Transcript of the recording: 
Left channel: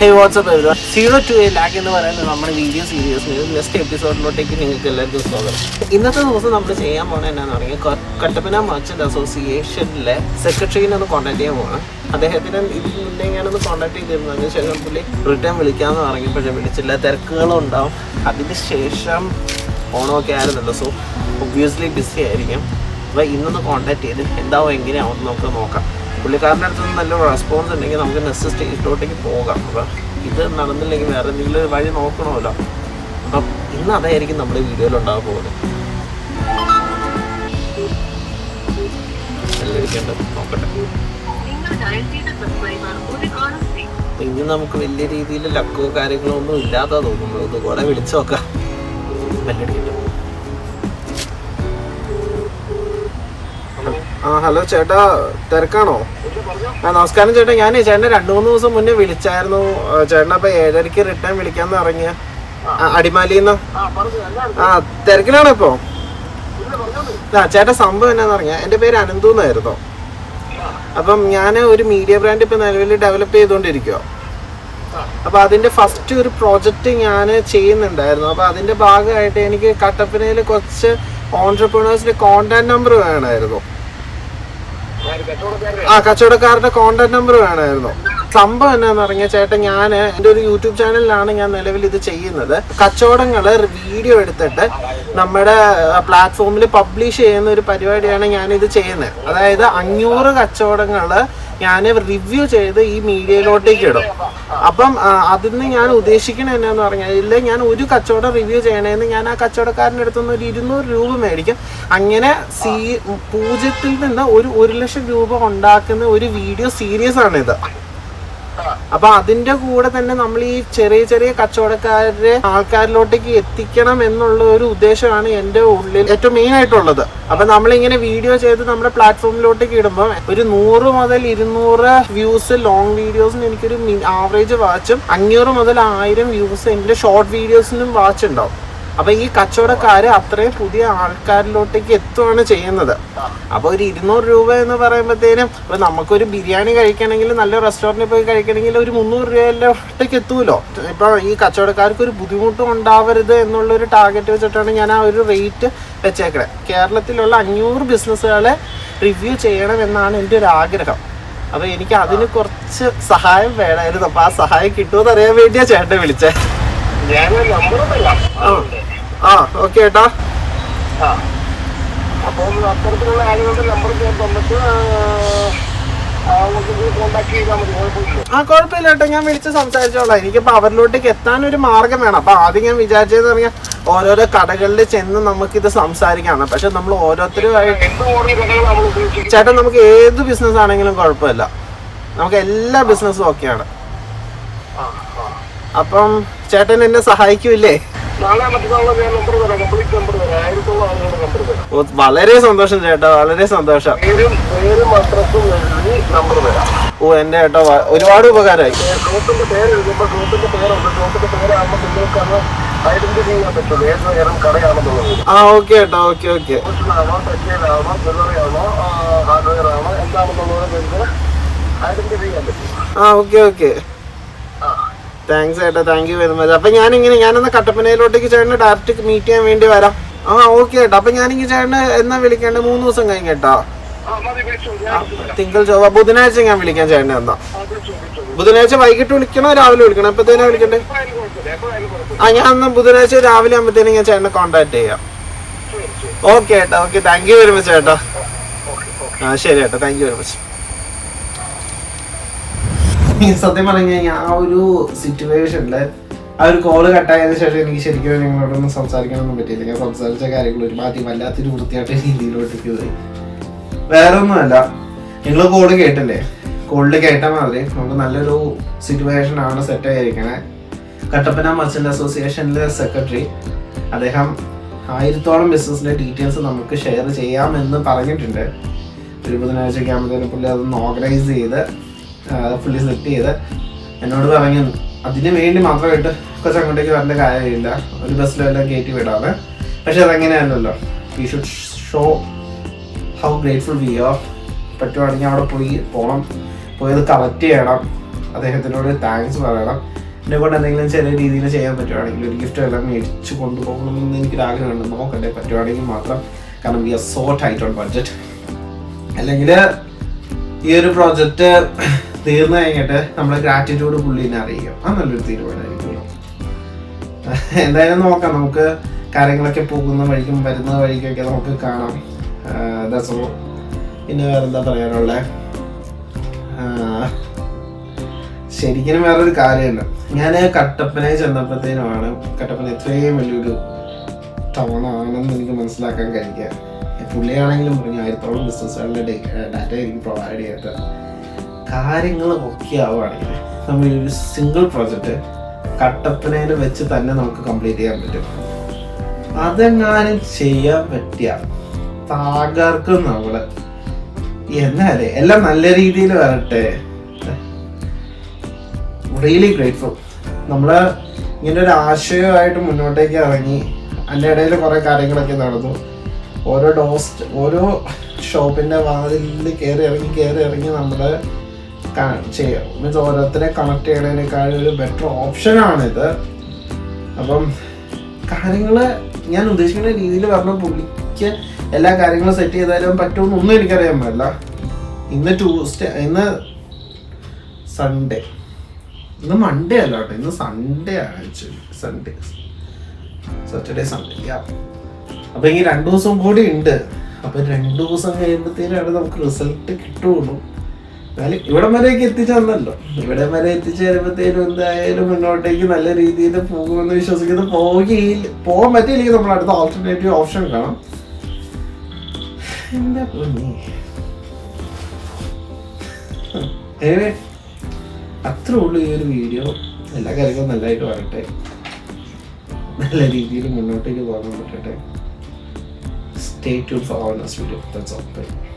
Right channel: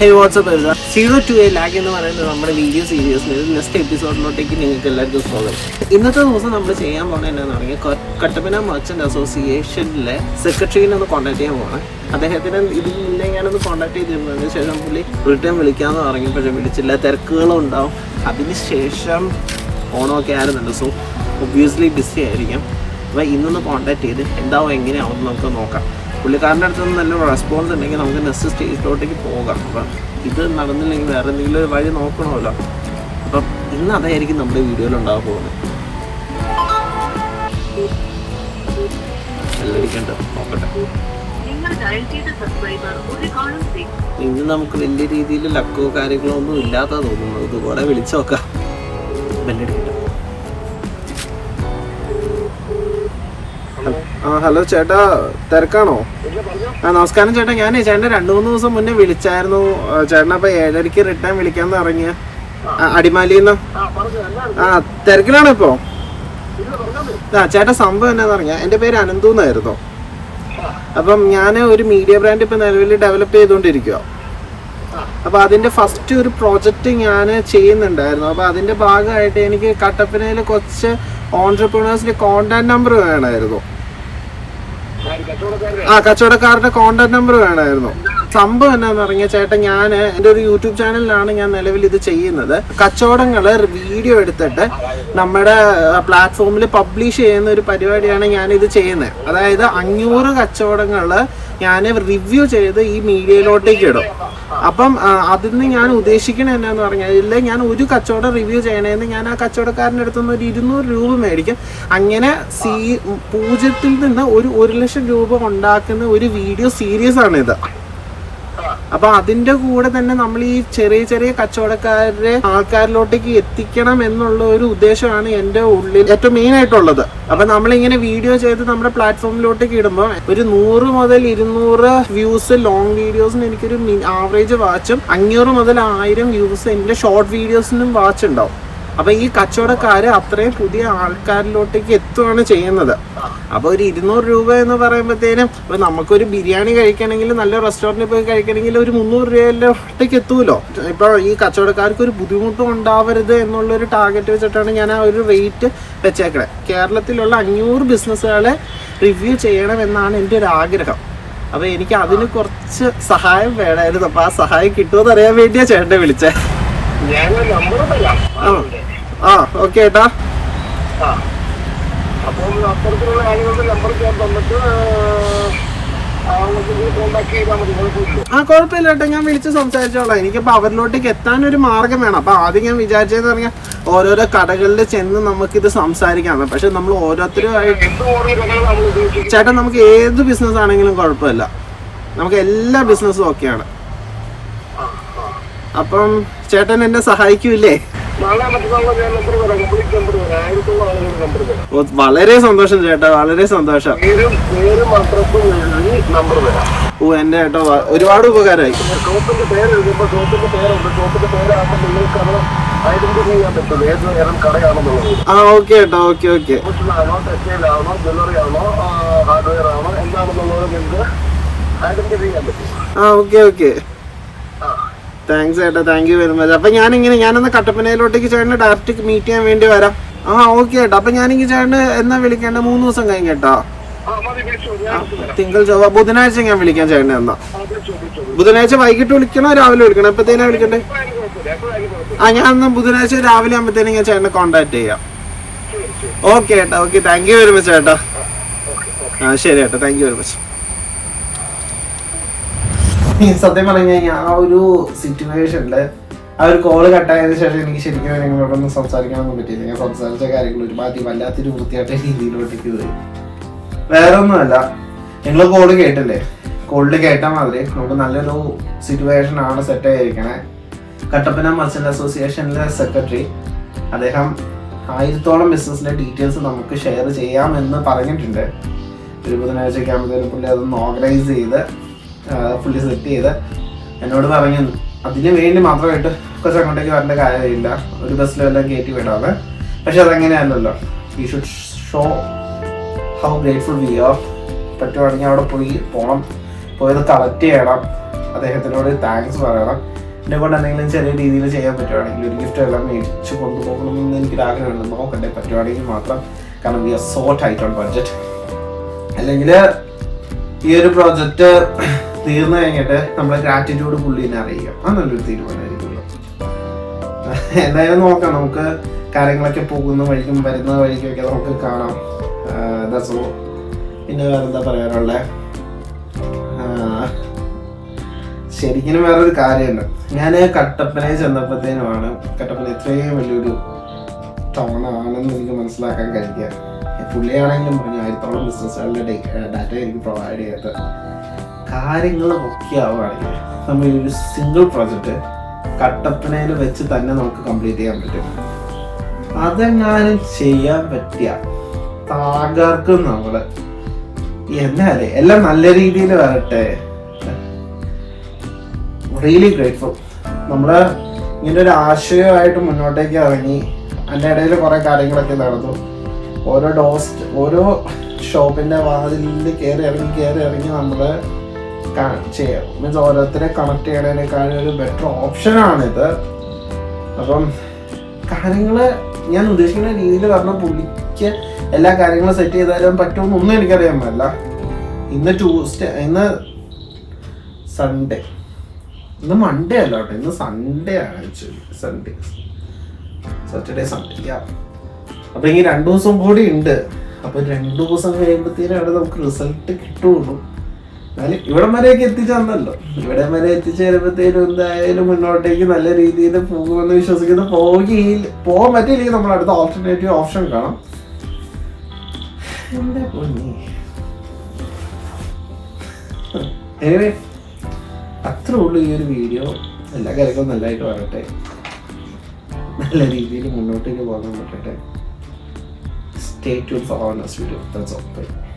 Hey, what's up everyone? 0 to a lakh എന്ന് പറയുന്നത് നമ്മുടെ വീഡിയോ സീരീസിന് നെക്സ്റ്റ് എപ്പിസോഡിലോട്ടേക്ക് നിങ്ങൾക്ക് എല്ലാവർക്കും സ്വാഗതം. ഇന്നത്തെ ദിവസം നമ്മൾ ചെയ്യാൻ പോകണത് എന്താണെന്ന് പറഞ്ഞാൽ കട്ടപ്പന മർച്ചന്റ് അസോസിയേഷനിലെ സെക്രട്ടറിനെ ഒന്ന് കോൺടാക്ട് ചെയ്യാൻ പോകണം. അദ്ദേഹത്തിന് ഇതിന് മുന്നേ ഞാനൊന്ന് കോൺടാക്ട് ചെയ്തിരുന്നതിന് ശേഷം പുള്ളി റിട്ടേൺ വിളിക്കാമെന്ന് പറഞ്ഞപ്പോഴേ വിളിച്ചില്ല, തിരക്കുകളും ഉണ്ടാവും. അതിന് ശേഷം ഓണമൊക്കെ ആയിരുന്നല്ലോ, സോ ഒബ്വിയസ്ലി ബിസി ആയിരിക്കും. അപ്പോൾ ഇന്നൊന്ന് കോൺടാക്ട് ചെയ്ത് എന്താവും എങ്ങനെയാവും നമുക്ക് നോക്കാം. പുള്ളിക്കാരൻ്റെ അടുത്ത് നിന്ന് നല്ലൊരു റെസ്പോൺസ് ഉണ്ടെങ്കിൽ നമുക്ക് നെക്സ്റ്റ് സ്റ്റേജിലോട്ടേക്ക് പോകാം. അപ്പം ഇത് നടന്നില്ലെങ്കിൽ വേറെ എന്തെങ്കിലും ഒരു വഴി നോക്കണമല്ലോ. അപ്പം ഇന്ന് അതായിരിക്കും നമ്മുടെ വീഡിയോയിൽ ഉണ്ടാകാൻ പോകുന്നത്. എല്ലടിക്കേണ്ടത് നോക്കട്ടെ. ഇന്ന് നമുക്ക് വലിയ രീതിയിൽ ലക്കോ കാര്യങ്ങളോ ഒന്നും ഇല്ലാത്ത തോന്നുന്നു. ഇതുകൂടെ വിളിച്ചു നോക്കാം. ബെല്ലടിക്കട്ടെ. ഹലോ ചേട്ടാ, തിരക്കാണോ? നമസ്കാരം ചേട്ടാ, ഞാൻ ചേട്ടനെ 2-3 ദിവസം മുന്നേ വിളിച്ചായിരുന്നു. ചേട്ടൻ അപ്പൊ 7:30 റിട്ടേൺ വിളിക്കാന്ന് പറഞ്ഞ അടിമാലിന്ന്. തിരക്കിലാണോ ഇപ്പൊ? ചേട്ടാ, സംഭവം എന്നാന്ന് പറഞ്ഞാൽ എന്റെ പേര് അനന്തു എന്നായിരുന്നു. അപ്പം ഞാൻ ഒരു മീഡിയ ബ്രാൻഡ് ഇപ്പൊ നിലവിൽ ഡെവലപ്പ് ചെയ്തുകൊണ്ടിരിക്കുക. അപ്പൊ അതിന്റെ ഫസ്റ്റ് ഒരു പ്രോജക്റ്റ് ഞാൻ ചെയ്യുന്നുണ്ടായിരുന്നു. അപ്പൊ അതിന്റെ ഭാഗമായിട്ട് എനിക്ക് കട്ടപ്പനയിൽ കുറച്ച് ഓൺട്രപ്രണേഴ്സിന്റെ കോണ്ടാക്ട് നമ്പർ വേണമായിരുന്നു. കച്ചവടക്കാരുടെ കോണ്ടാക്ട് നമ്പർ വേണമായിരുന്നു. സംഭവം എന്നാന്ന് പറഞ്ഞ ചേട്ടാ, ഞാൻ എൻ്റെ ഒരു യൂട്യൂബ് ചാനലിലാണ് ഞാൻ നിലവിൽ ഇത് ചെയ്യുന്നത്. കച്ചവടങ്ങള് വീഡിയോ എടുത്തിട്ട് നമ്മുടെ പ്ലാറ്റ്ഫോമിൽ പബ്ലിഷ് ചെയ്യുന്ന ഒരു പരിപാടിയാണ് ഞാനിത് ചെയ്യുന്നത്. അതായത് 500 കച്ചവടങ്ങള് ഞാൻ റിവ്യൂ ചെയ്ത് ഈ മീഡിയയിലോട്ടേക്ക് ഇടും. അപ്പം അതിന് ഞാൻ ഉദ്ദേശിക്കണത് എന്നാന്ന് പറഞ്ഞാൽ, ഇല്ല ഞാൻ ഒരു കച്ചവടം റിവ്യൂ ചെയ്യണമെന്ന് ഞാൻ ആ കച്ചവടക്കാരൻ്റെ അടുത്തുനിന്ന് ഒരു 200 രൂപ മേടിക്കും. അങ്ങനെ 0 നിന്ന് ഒരു 1 ലക്ഷം രൂപ ഉണ്ടാക്കുന്ന ഒരു വീഡിയോ സീരീസ് ആണിത്. അപ്പൊ അതിന്റെ കൂടെ തന്നെ നമ്മൾ ഈ ചെറിയ ചെറിയ കച്ചവടക്കാരെ ആൾക്കാരിലോട്ടേക്ക് എത്തിക്കണം എന്നുള്ള ഒരു ഉദ്ദേശമാണ് എൻ്റെ ഉള്ളിൽ ഏറ്റവും മെയിൻ ആയിട്ടുള്ളത്. അപ്പൊ നമ്മളിങ്ങനെ വീഡിയോ ചെയ്ത് നമ്മുടെ പ്ലാറ്റ്ഫോമിലോട്ടേക്ക് ഇടുമ്പോൾ ഒരു 100 മുതൽ 200 വ്യൂസ് ലോങ് വീഡിയോസിന് എനിക്കൊരു ആവറേജ് വാച്ചും 500 മുതൽ 1000 വ്യൂസ് എൻ്റെ ഷോർട്ട് വീഡിയോസിനും വാച്ച് ഉണ്ടാവും. അപ്പൊ ഈ കച്ചവടക്കാര് അത്രയും പുതിയ ആൾക്കാരിലോട്ടേക്ക് എത്തുകയാണ് ചെയ്യുന്നത്. അപ്പൊ ഒരു 200 രൂപ എന്ന് പറയുമ്പോഴത്തേനും ഇപ്പൊ നമുക്കൊരു ബിരിയാണി കഴിക്കണമെങ്കിൽ നല്ല റെസ്റ്റോറൻറ്റിൽ പോയി കഴിക്കണമെങ്കിൽ ഒരു 300 രൂപയിലോട്ടേക്ക് എത്തൂലോ. ഇപ്പൊ ഈ കച്ചവടക്കാർക്ക് ഒരു ബുദ്ധിമുട്ടും ഉണ്ടാവരുത് എന്നുള്ളൊരു ടാർഗറ്റ് വെച്ചിട്ടാണ് ഞാൻ ആ ഒരു റേറ്റ് വെച്ചേക്കണേ. കേരളത്തിലുള്ള 500 ബിസിനസ്സുകളെ റിവ്യൂ ചെയ്യണം എന്നാണ് എൻ്റെ ഒരു ആഗ്രഹം. അപ്പൊ എനിക്ക് അതിന് കുറച്ച് സഹായം വേണമായിരുന്നു. അപ്പൊ ആ സഹായം കിട്ടുമെന്ന് അറിയാൻ വേണ്ടിയാ ചേട്ടനെ വിളിച്ചേ. ഓക്കെ ഏട്ടാ. കുഴപ്പമില്ല ഏട്ടാ, ഞാൻ വിളിച്ച് സംസാരിച്ചോളാം. എനിക്കിപ്പോ അവരിലോട്ടേക്ക് എത്താനൊരു മാർഗം വേണം. അപ്പൊ ആദ്യം ഞാൻ വിചാരിച്ചതെന്ന് പറഞ്ഞാൽ ഓരോരോ കടകളിൽ ചെന്ന് നമുക്കിത് സംസാരിക്കാം. പക്ഷെ നമ്മൾ ഓരോരുത്തരുമായിട്ട് ചേട്ടാ, നമുക്ക് ഏത് ബിസിനസ് ആണെങ്കിലും കുഴപ്പമില്ല, നമുക്ക് എല്ലാ ബിസിനസ്സും ഓക്കെയാണ്. അപ്പം ചേട്ടൻ എന്നെ സഹായിക്കൂല്ലേ? വളരെ സന്തോഷം ചേട്ടാ, വളരെ സന്തോഷം. ഓ എന്റെ ചേട്ടാ, ഒരുപാട് ഉപകാരമായി. ഓക്കെ ചേട്ടാ, okay okay. Okay okay, thanks ചേട്ടാ, താങ്ക് യു വെരി മച്ച്. അപ്പൊ ഞാനൊന്ന് കട്ടപ്പനയിലോട്ടേക്ക് ചേട്ടനെ ഡയറക്റ്റ് മീറ്റ് ചെയ്യാൻ വേണ്ടി വരാം. ഓക്കെ ചേട്ടാ. അപ്പൊ ഞാനെങ്കിൽ ചേട്ടന് എന്നാ വിളിക്കേണ്ടത്? 3 ദിവസം കഴിഞ്ഞിട്ടാ? തിങ്കൾ ചൊവ്വ ബുധനാഴ്ച ഞാൻ വിളിക്കാം ചേട്ടനെ. എന്നാ ബുധനാഴ്ച വൈകിട്ട് വിളിക്കണോ രാവിലെ വിളിക്കണോ? എപ്പത്തേനാ വിളിക്കണ്ടേ? ഞാൻ എന്നാ ബുധനാഴ്ച രാവിലെ ആകുമ്പത്തേനും ഞാൻ ചേട്ടനെ കോൺടാക്ട് ചെയ്യാം. ഓക്കെ ചേട്ടാ, okay, thank you very much ചേട്ടാ. ശരി ചേട്ടാ, താങ്ക് യു വെരി മച്ച്. സത്യം പറഞ്ഞു കഴിഞ്ഞാൽ ആ ഒരു സിറ്റുവേഷനില് ആ ഒരു കോള് കട്ടായതിനു ശേഷം എനിക്ക് ശരിക്കും നിങ്ങളോടൊന്നും സംസാരിക്കാനൊന്നും പറ്റിയില്ല. ഞാൻ സംസാരിച്ച കാര്യങ്ങൾ ഒരുമാതിരി വല്ലാത്തൊരു വൃത്തിയായിട്ട് രീതിയിലോട്ടേക്ക് പോയി. വേറെ ഒന്നുമല്ല, നിങ്ങൾ കോള് കേട്ടില്ലേ? കോളിൽ കേട്ട മാതിരി നമുക്ക് നല്ലൊരു സിറ്റുവേഷൻ ആണ് സെറ്റ് ആയിരിക്കണേ. കട്ടപ്പന മർച്ചന്റ് അസോസിയേഷനിലെ സെക്രട്ടറി അദ്ദേഹം 1000-ഓളം ബിസിനസിന്റെ ഡീറ്റെയിൽസ് നമുക്ക് ഷെയർ ചെയ്യാമെന്ന് പറഞ്ഞിട്ടുണ്ട്. ഒരു ബുധനാഴ്ചയ്ക്ക് ആകുമ്പോഴത്തേനും പുള്ളി അതൊന്ന് ഓർഗനൈസ് ചെയ്ത് ഫുള്ളി സെറ്റ് ചെയ്ത് എന്നോട് പറഞ്ഞു അതിന് വേണ്ടി മാത്രമായിട്ട് കുറച്ച് അങ്ങോട്ടേക്ക് വരേണ്ട കാര്യമില്ല, ഒരു ബസ്സിലെല്ലാം കയറ്റി വിടാതെ. പക്ഷെ അതങ്ങനെയല്ലല്ലോ, we should show how grateful we are. പറ്റുവാണെങ്കിൽ അവിടെ പോകണം, പോയത് കളക്ട് ചെയ്യണം, അദ്ദേഹത്തിനോട് താങ്ക്സ് പറയണം. എന്നെ കൊണ്ട് എന്തെങ്കിലും ചെറിയ രീതിയിൽ ചെയ്യാൻ പറ്റുവാണെങ്കിൽ ഒരു ഗിഫ്റ്റ് എല്ലാം മേടിച്ച് കൊണ്ടുപോകണമെന്ന് എനിക്കൊരു ആഗ്രഹമുണ്ട്. നോക്കട്ടെ പറ്റുവാണെങ്കിൽ മാത്രം. കാരണം we are so tight on budget. അല്ലെങ്കിൽ ഈ ഒരു പ്രോജക്റ്റ് തീർന്നു കഴിഞ്ഞിട്ട് നമ്മുടെ ഗ്രാറ്റിറ്റ്യൂഡ് പുള്ളിനെ അറിയിക്കാം. അത് നല്ലൊരു തീരുമാനമായിരിക്കുമല്ലോ. എന്തായാലും നോക്കാം, നമുക്ക് കാര്യങ്ങളൊക്കെ പോകുന്ന വഴിക്കും വരുന്ന വഴിക്കൊക്കെ നമുക്ക് കാണാം. ദസോ പിന്നെ വേറെന്താ പറയാനുള്ളത്? ശരിക്കും വേറൊരു കാര്യമുണ്ട്. ഞാൻ കട്ടപ്പനയിൽ ചെന്നപ്പോഴത്തേനുമാണ് കട്ടപ്പന ഇത്രയും വലിയൊരു ടൗൺ ആണെന്ന് എനിക്ക് മനസ്സിലാക്കാൻ കഴിയുക. പുള്ളിയാണെങ്കിലും പറഞ്ഞു 1000ഓളം ബിസിനസ്സുകളുടെ ഡാറ്റ എനിക്ക് പ്രൊവൈഡ് ചെയ്തത്. കാര്യങ്ങൾ ഓക്കെ ആവുകയാണെങ്കിൽ നമ്മൾ ഈ ഒരു സിംഗിൾ പ്രോജക്റ്റ് കട്ടപ്പനയിൽ വെച്ച് തന്നെ നമുക്ക് കംപ്ലീറ്റ് ചെയ്യാൻ പറ്റും. അതെങ്ങാനും ചെയ്യാൻ പറ്റിയ തകർക്കും നമ്മള്. എന്നാലേ എല്ലാം നല്ല രീതിയിൽ വരട്ടെ. Really grateful. നമ്മള് ഇങ്ങനെ ഒരു ആശയമായിട്ട് മുന്നോട്ടേക്ക് ഇറങ്ങി. അതിൻ്റെ ഇടയിൽ കുറെ കാര്യങ്ങളൊക്കെ നടന്നു. ഓരോ ഷോപ്പിന്റെ വാതിലിൽ കയറി ഇറങ്ങി നമ്മൾ ചെയ്യാം. മീൻസ് ഓരോരുത്തരെ കണക്ട് ചെയ്യണതിനേക്കാളും ഒരു ബെറ്റർ ഓപ്ഷനാണിത്. അപ്പം കാര്യങ്ങള് ഞാൻ ഉദ്ദേശിക്കുന്ന രീതിയിൽ പറഞ്ഞ പുള്ളിക്ക് എല്ലാ കാര്യങ്ങളും സെറ്റ് ചെയ്താലും പറ്റുമെന്നൊന്നും എനിക്കറിയാൻ പാടില്ല. ഇന്ന് സൺഡേ, ഇന്ന് മൺഡേ അല്ല കേട്ടോ, ഇന്ന് സൺഡേ ആണ്. Actually Saturday Sunday. അപ്പൊ ഈ 2 ദിവസം കൂടി ഉണ്ട്. അപ്പൊ 2 ദിവസം കഴിയുമ്പോഴത്തേനാണ് നമുക്ക് റിസൾട്ട് കിട്ടുള്ളൂ. എന്നാലും ഇവിടം വരെയൊക്കെ എത്തിച്ചെന്നല്ലോ. ഇവിടം വരെ എത്തിച്ചേരുമ്പോഴത്തേനും എന്തായാലും മുന്നോട്ടേക്ക് നല്ല രീതിയിൽ പോകുമെന്ന് വിശ്വസിക്കുന്നു. പോകാൻ പറ്റിയില്ലെങ്കിൽ നമ്മൾ അടുത്ത ഓൾട്ടർനേറ്റീവ് ഓപ്ഷൻ കാണാം. എന്താ പൊന്നി. അത്രേ ഉള്ളൂ ഈ ഒരു വീഡിയോ. എല്ലാ കാര്യങ്ങളും നല്ലതായിട്ട് വരട്ടെ, നല്ല രീതിയിൽ മുന്നോട്ടേക്ക് പോകാൻ പറ്റട്ടെ. Stay tuned for our next video. That's all. Bye.